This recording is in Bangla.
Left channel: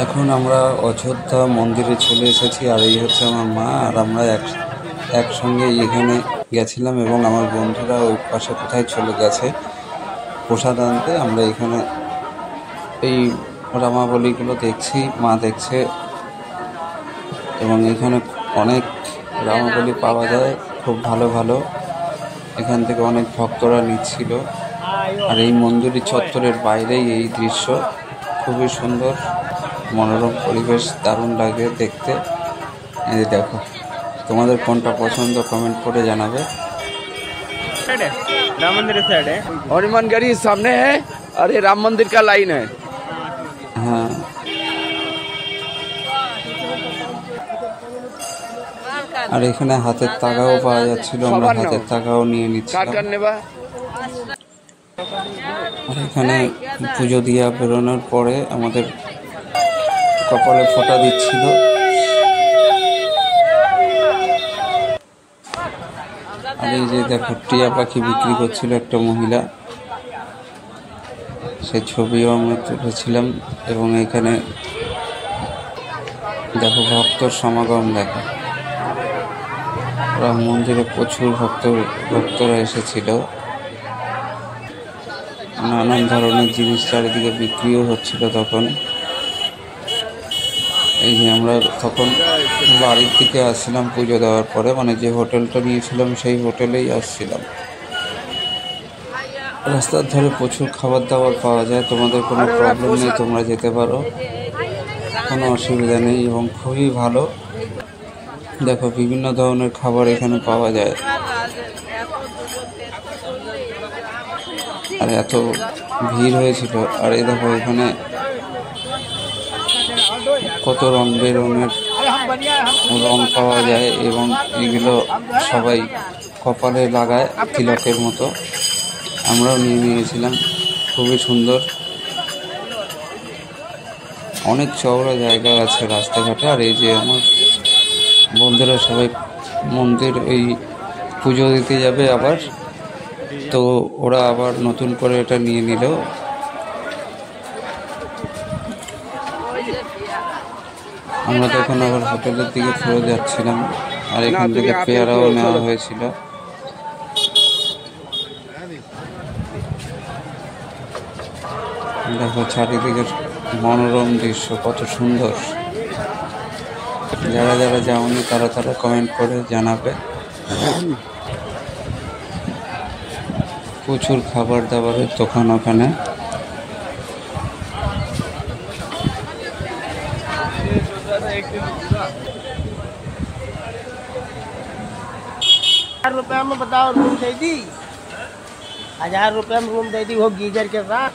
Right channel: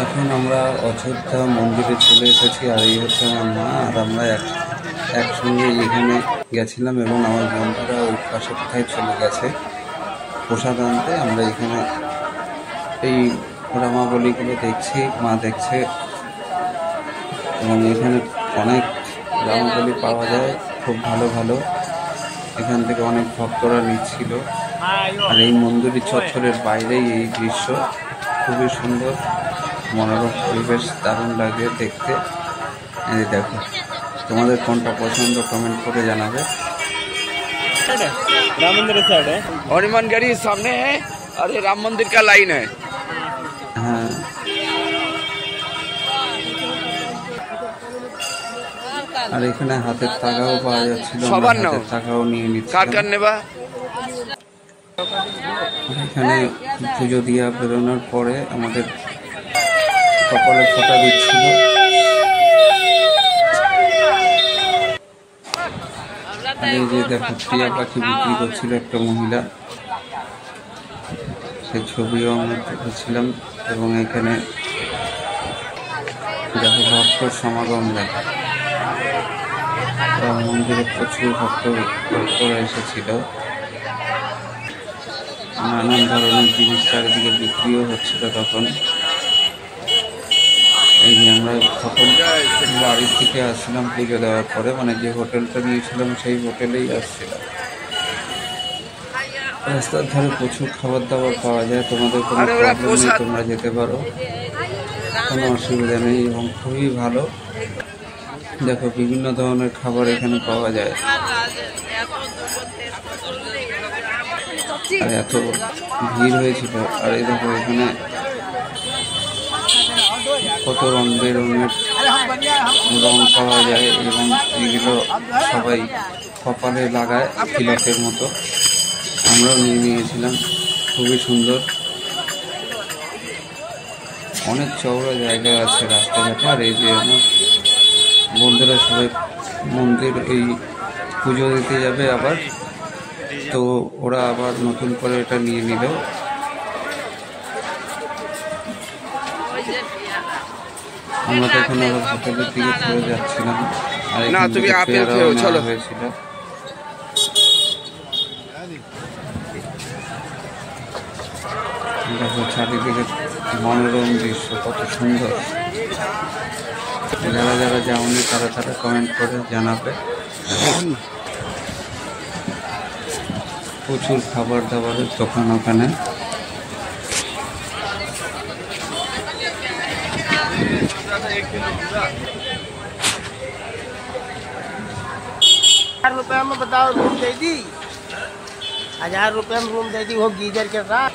এখন আমরা অযোধ্যা মন্দিরে চলে এসেছি, আর এই হচ্ছে আমার মা, আর আমরা একসঙ্গে এখানে গেছিলাম এবং আমার বন্ধুরা ওই পাশে কোথায় চলে গেছে প্রসাদ আনতে। আমরা এখানে এই রামাবলীগুলো দেখছি, মা দেখছে, এবং এখানে অনেক রামাবলী পাওয়া যায়, খুব ভালো ভালো। এখান থেকে অনেক ভক্তরা নিচ্ছিল, আর এই মন্দিরের চত্বরের বাইরেই এই দৃশ্য, খুবই সুন্দর মনোরম পরিবেশ, দারুণ লাগে দেখতে। এই দেখো, তোমাদের কোনটা পছন্দ কমেंट করে জানাবে। राम मंदिर साइड है, हनुमान गढ़ी सामने है और ये राम मंदिर का लाइन है। হ্যাঁ, আর এখানে হাতের তাগাও পাওয়া যাচ্ছিল, আমরা হাতের তাগাও নিয়ে নিচ্ছিলাম। আর এখানে পুজো দিয়া বেরোনোর পরে আমাদের কপালে ফোঁটা দিচ্ছিল। আর এই যে দেখো, টিয়া পাখি বিক্রি করছিল একটা মহিলা, সেই ছবিও আমরা তুলেছিলাম। এবং এখানে দেখো ভক্তর সমাগম, দেখো রাম মন্দিরে প্রচুর ভক্তরা এসেছিল। নানান ধরনের জিনিস চারিদিকে বিক্রিও হচ্ছিল তখন। এই যে আমরা তখন বাড়ির থেকে আসছিলাম পুজো দেওয়ার পরে, মানে যে হোটেলটা নিয়েছিলাম সেই হোটেলেই আসছিলাম। রাস্তার ধারে প্রচুর খাবার দাবার পাওয়া যায়, তোমাদের কোনো প্রবলেম নেই, তোমরা যেতে পারো, কোনো অসুবিধা নেই, এবং খুবই ভালো। দেখো বিভিন্ন ধরনের খাবার এখানে পাওয়া যায়। আর এত ভিড় হয়েছিল। আর এই দেখো এখানে কত রং বেরঙের রং পাওয়া যায়, এবং এগুলো সবাই কপালে লাগায় তিলকের মতো। আমরাও নিয়ে নিয়েছিলাম, খুবই সুন্দর। অনেক চওড়া জায়গা আছে রাস্তাঘাটে। আর এই যে আমার বন্ধুরা সবাই মন্দির এই পুজো দিতে যাবে আবার, তো ওরা আবার নতুন করে এটা নিয়ে নিল। আমরা তখন আবার হোটেলের দিকে ফিরে যাচ্ছিলাম, আর এখান থেকে পেয়ারাও নেওয়া হয়েছিল। দেখো চারিদিকের মনোরম দৃশ্য কত সুন্দর। যারা যারা যাওনি তারা কমেন্ট করে জানাবে। প্রচুর খাবার দাবারের দোকান ওখানে। ₹1000 में बताओ रूम दे दी, ₹1000 में रूम दे दी, वो गीजर के साथ।